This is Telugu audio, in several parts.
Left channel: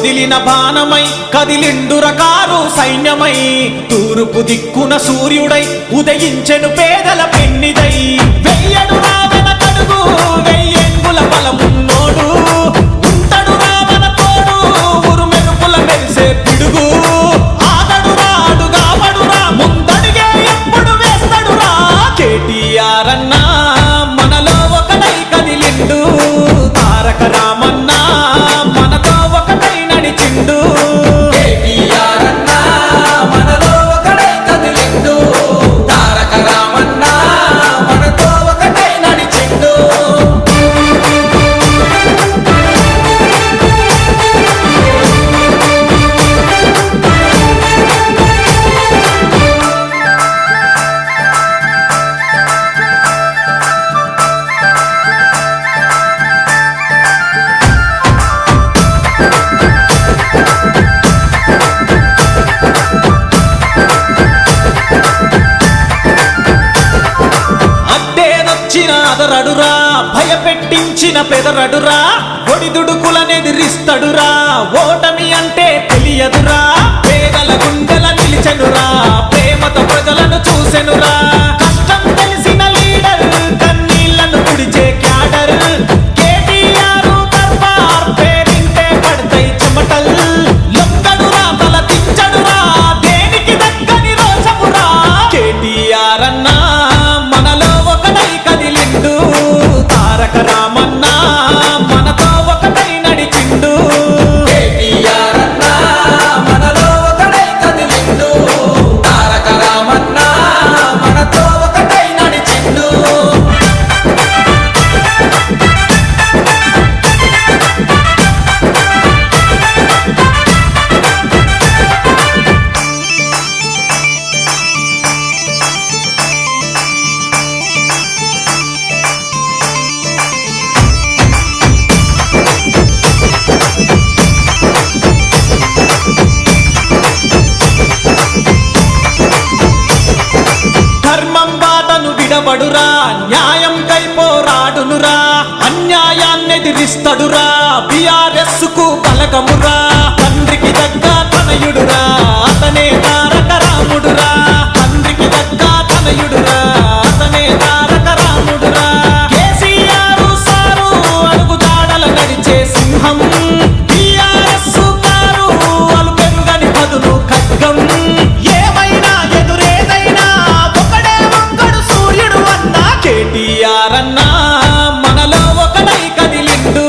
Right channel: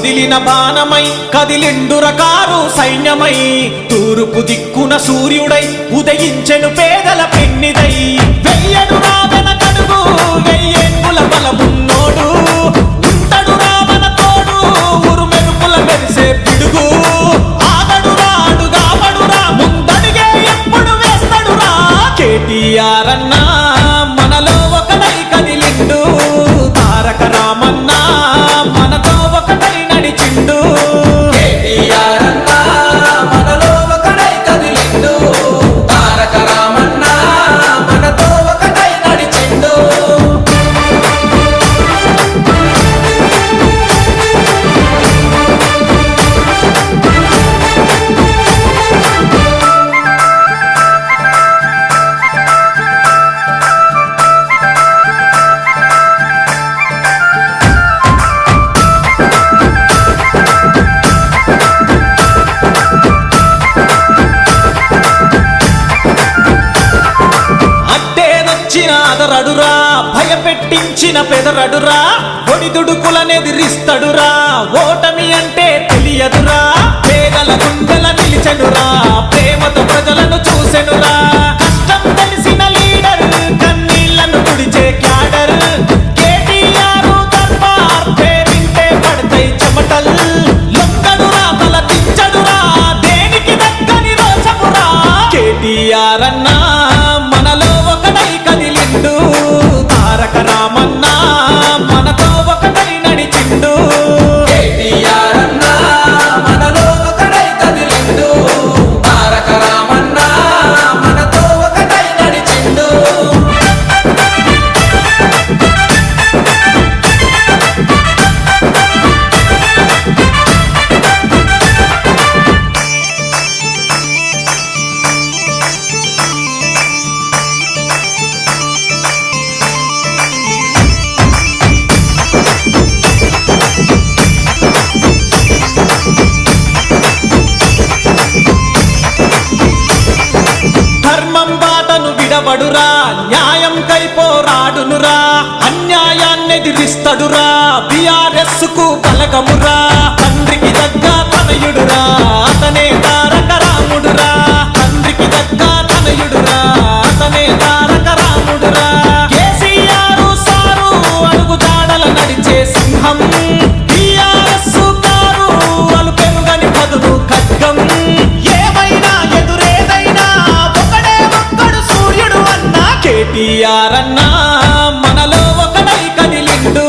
వదిలిన బాణమై కదిలిండుర కారు సైన్యమై తూర్పు దిక్కున సూర్యుడై ఉదయించెను పేదల పెన్నిదై వెయ్యడు వెనకడుగు వెయ్యేంగుల బలమున్నోడు ఉంటడు మన తోడు ఉరుమెరుపుల మెరిసే పిడుగు ఆగడురా అడుగావడురా ముందడిగే ఎప్పుడు వేస్తడురా కేటీఆర్ అన్నా మనలో ఒకడై కదిలిండు తారక రామన్నా మనతో ఒకటై నడిచిండు కేటీఆర్ అన్నా మనలో ఒకడై కదిలిండు తారక రామన్నా మనతో ఒకటై నడిచిండు అడ్డేదొచ్చిన అదరడురా భయపెట్టించిన పెదరడురా ఒడిదుడుకులనెదిరిస్తడురా ఓటమి అంటే తెలియదురా పేదల గుండెల నిలిచెనురా ప్రేమతో ప్రజలను చూసెనురా కష్టం తెలిసిన లీడర్ కన్నీళ్లను తుడిచే క్యాడర్ కేటీఆర్ దర్బార్ పేరింటే పడతాయి చెమటల్ లొంగడురా తల దించడురా దేనికి దక్కని రోషమురా కేటీఆర్ అన్నా మనలో ఒకటై కదిలిండు తారక రామన్నా మనతో ఒకటై నడిచిండు కేటీఆర్ అన్నా మనలో ఒకటై కదిలిండు తారక రామన్నా మనతో ఒకటై నడిచిండు ధర్మం బాటను విడబడురా న్యాయం కై పోరాడునురా అన్యాయాన్నెదిరిస్తడురా బిఆర్ఎస్ కు బలగమురా తండ్రికి దగ్గ తనయుడురా అతనే తారక రాముడురా తండ్రికి దగ్గ తనయుడురా అతనే తారక రాముడురా కేసీఆర్ సారు అడుగు జాడల నడిచే సింహం బిఆర్ఎస్ కారు అలు పెరుగని పదును ఖడ్గం ఏమైనా ఎదురేదైనా సూర్యుడు అన్నా కేటీఆర్ అన్నా మనలో ఒకటై కదిలిండు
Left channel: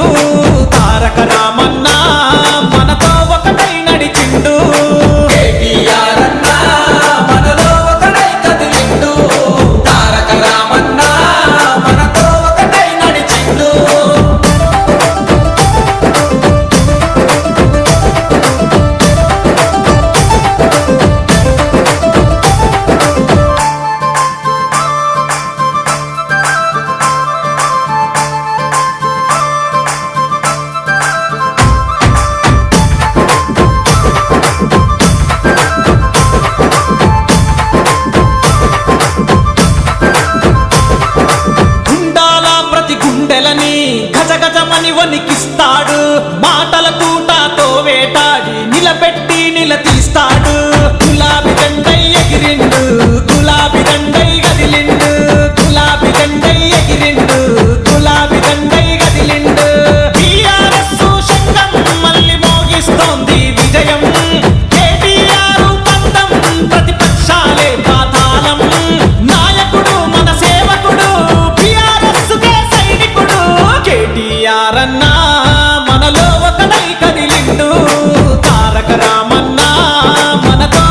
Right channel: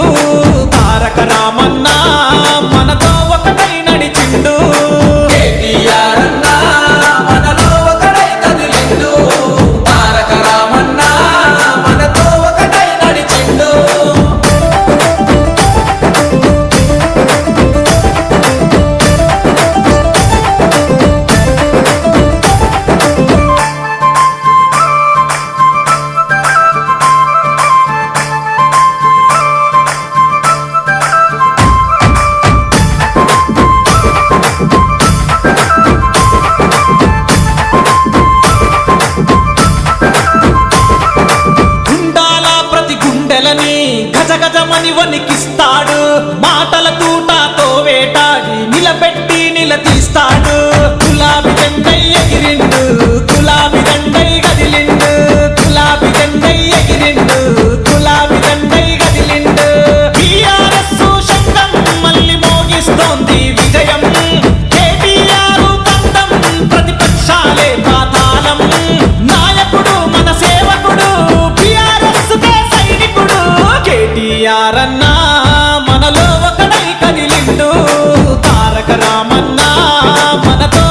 తారక రామన్నా మనతో ఒకటై నడిచిండు కేటీఆర్ అన్నా మనలో ఒకటై కదిలిండు తారక రామన్నా మనతో ఒకటై నడిచిండు గుండెలని గజగజమని వణికిస్తాడు మాటల తూటాతో వేటాడి నిలబెట్టి నిలదీస్తాడు గులాబీ జెండై ఎగిరిండు గులాబీ దండై గదిలిండు గులాబీ జెండై ఎగిరిండు గులాబీ దండై గదిలిండు బిఆర్ఎస్ శంఖం మళ్ళీ మోగిస్తోంది విజయం కేటీఆర్ పంతం ప్రతిపక్షాలే పాతాళం నాయకుడు మన సేవకుడు బిఆర్ఎస్ కే సైనికుడు కేటీఆర్ అన్నా మనలో ఒకడై కదిలిండు తారక రామన్నా మనతో